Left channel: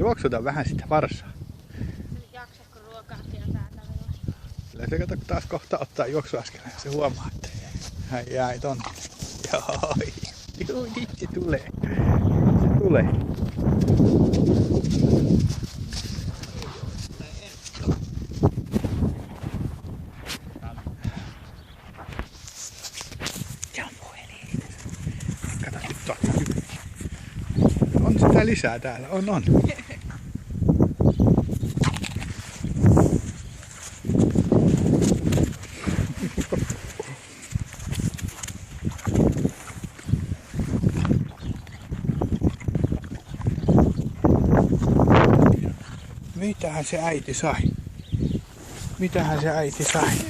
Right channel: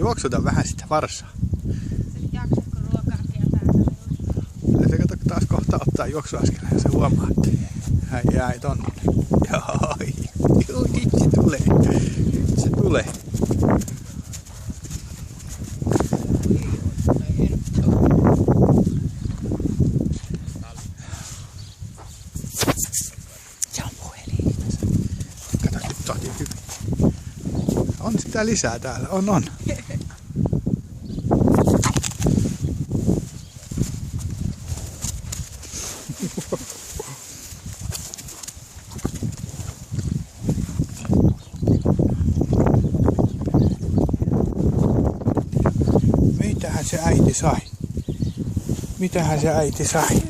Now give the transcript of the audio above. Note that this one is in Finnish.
Juoksuta vähän sitä varsaa. Se nyt jaksaisiko ruokaakin ja täällä. Se kato taas kohta ottaa juoksuaskeleen ja se huomaa, että hän jäi tonne. Joo, nyt se tulee. Se tulee. Kato nyt toki hyvin. On sitä lisää täällä, on. Mitähän se äiti sai?